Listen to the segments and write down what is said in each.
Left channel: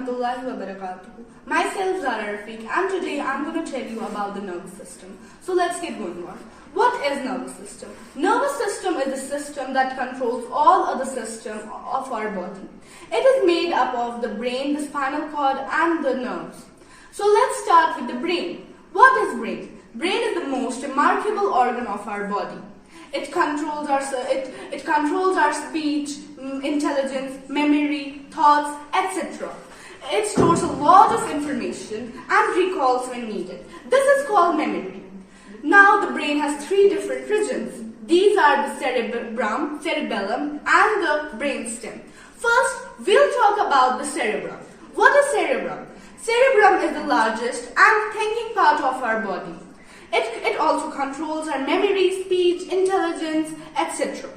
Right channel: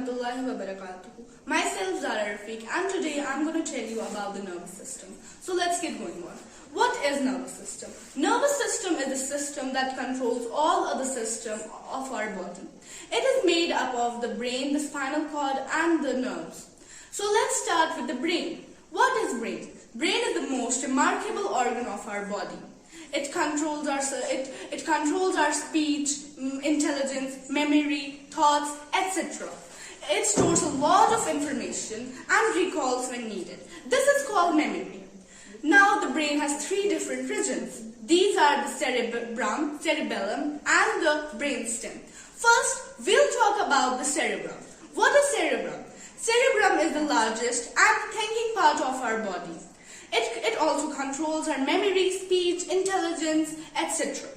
warahmatullahi wabarakatuh. Myself Zara Rafiq, and today I'm going to tell you about the nervous system. So let's get going on. What is nervous system? Nervous system is a system that controls all other systems of our body. It is made up of the brain, the spinal cord, and the nerves. So let's start with the brain. What is brain? Brain is the most remarkable organ of our body. It controls our speech, intelligence, memory, thoughts, etc. It stores a lot of information and recalls when needed. This is called memory. Now the brain has three different regions. These are the cerebellum, and the brainstem. First, we'll talk about the cerebrum. What is cerebrum? Cerebrum is the largest and thinking part of our body. It also controls our memory, speech, intelligence, etc.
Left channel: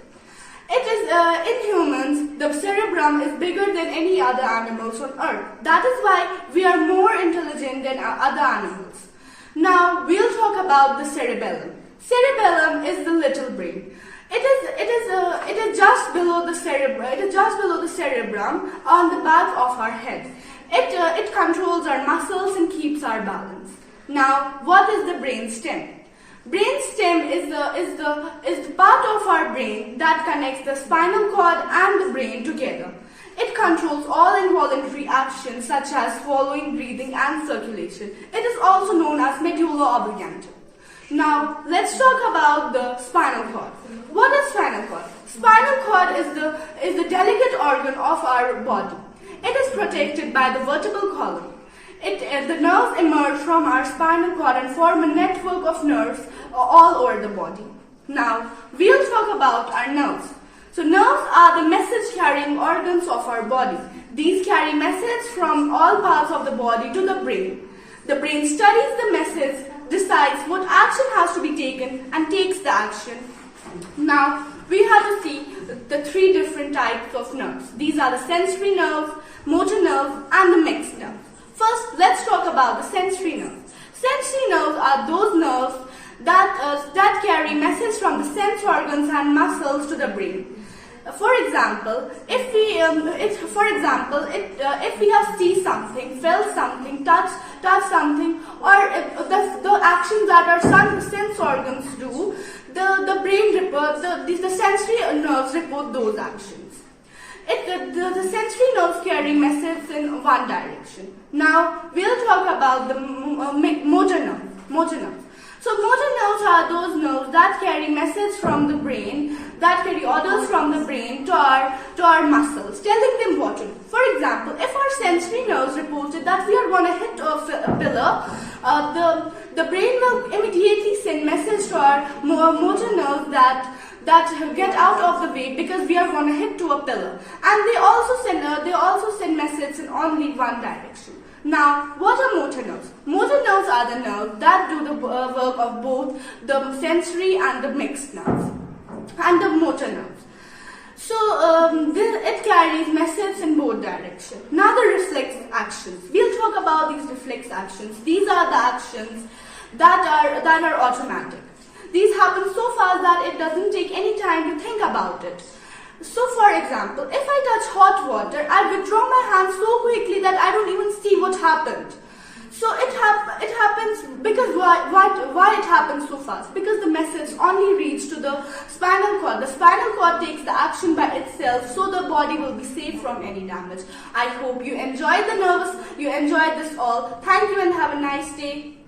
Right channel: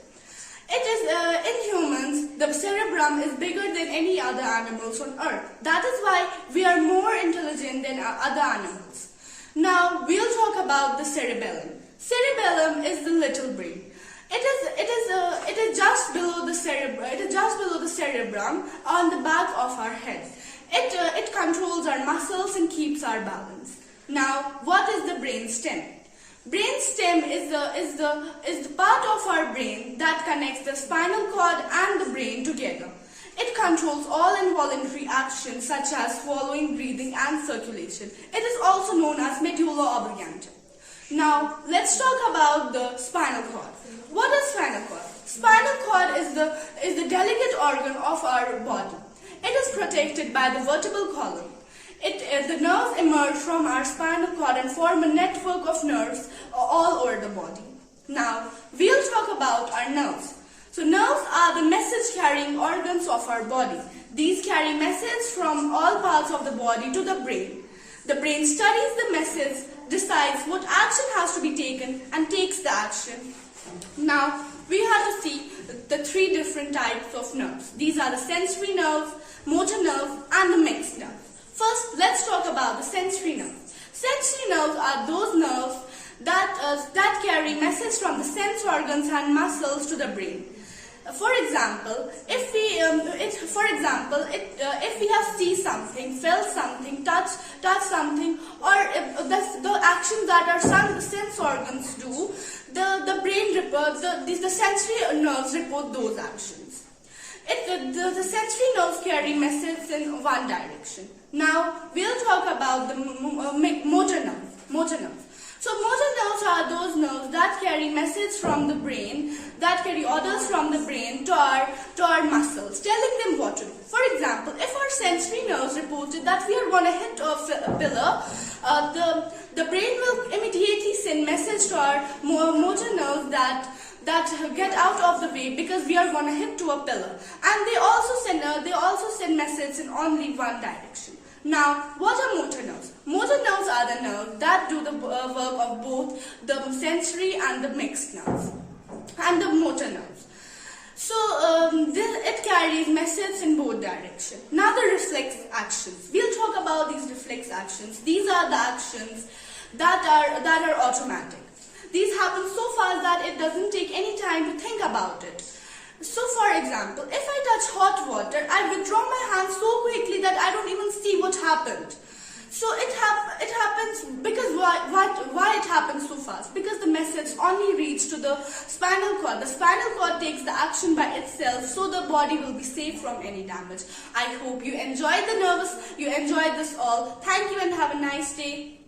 In humans, the cerebrum is bigger than any other animals on earth. That is why we are more intelligent than other animals. Now we'll talk about the cerebellum. Cerebellum is the little brain. It is just below the cerebrum. It is just below the cerebrum on the back of our head. It controls our muscles and keeps our balance. Now, what is the brainstem? Brainstem is the part of our brain that connects the spinal cord and the brain together. It controls all involuntary actions such as swallowing, breathing, and circulation. It is also known as medulla oblongata. Now, let's talk about the spinal cord. What is spinal cord? Spinal cord is the delicate organ of our body. It is protected by the vertebral column. The nerves emerge from our spinal cord and form a network of nerves all over the body. Now, we'll talk about our nerves. So, nerves are the message-carrying organs of our body. These carry messages from all parts of the body to the brain. The brain studies the message, decides what action has to be taken, and takes the action. Now, we have to see the three different types of nerves. These are the sensory nerves, motor nerves, and the mixed nerves. First, let's talk about the sensory nerves. Sensory nerves are those nerves that carry messages from the sense organs and muscles to the brain. For example, if we have seen something, felt something, touched something, or the actions that our sense organs do, the sensory nerves report those actions. The sensory nerves carry messages in one direction. Now, we'll talk about the motor nerves. So, motor nerves are those nerves that carry messages from the brain, that carry orders from the brain to our muscles, telling them what to do. For example, if our sensory nerves reported that we are going to hit a pillar, the brain will immediately send message to our motor nerves that get out of the way because we are going to hit to a pillar, and they also send messages in only one direction. Now, what are motor nerves? Motor nerves are the nerves that do the work of both the sensory and the mixed nerves, and the motor nerves. So, it carries messages in both directions. Now, the reflex actions. We'll talk about these reflex actions. These are the actions that are automatic. These happen so fast that it doesn't take any time to think about it. So, for example, if I touch hot water, I withdraw my hand so quickly that I don't even see what happened. So it happens because why it happens so fast? Because the message only reaches to the spinal cord. The spinal cord takes the action by itself, so the body will be safe from any damage. I hope you enjoyed this all. Thank you and have a nice day.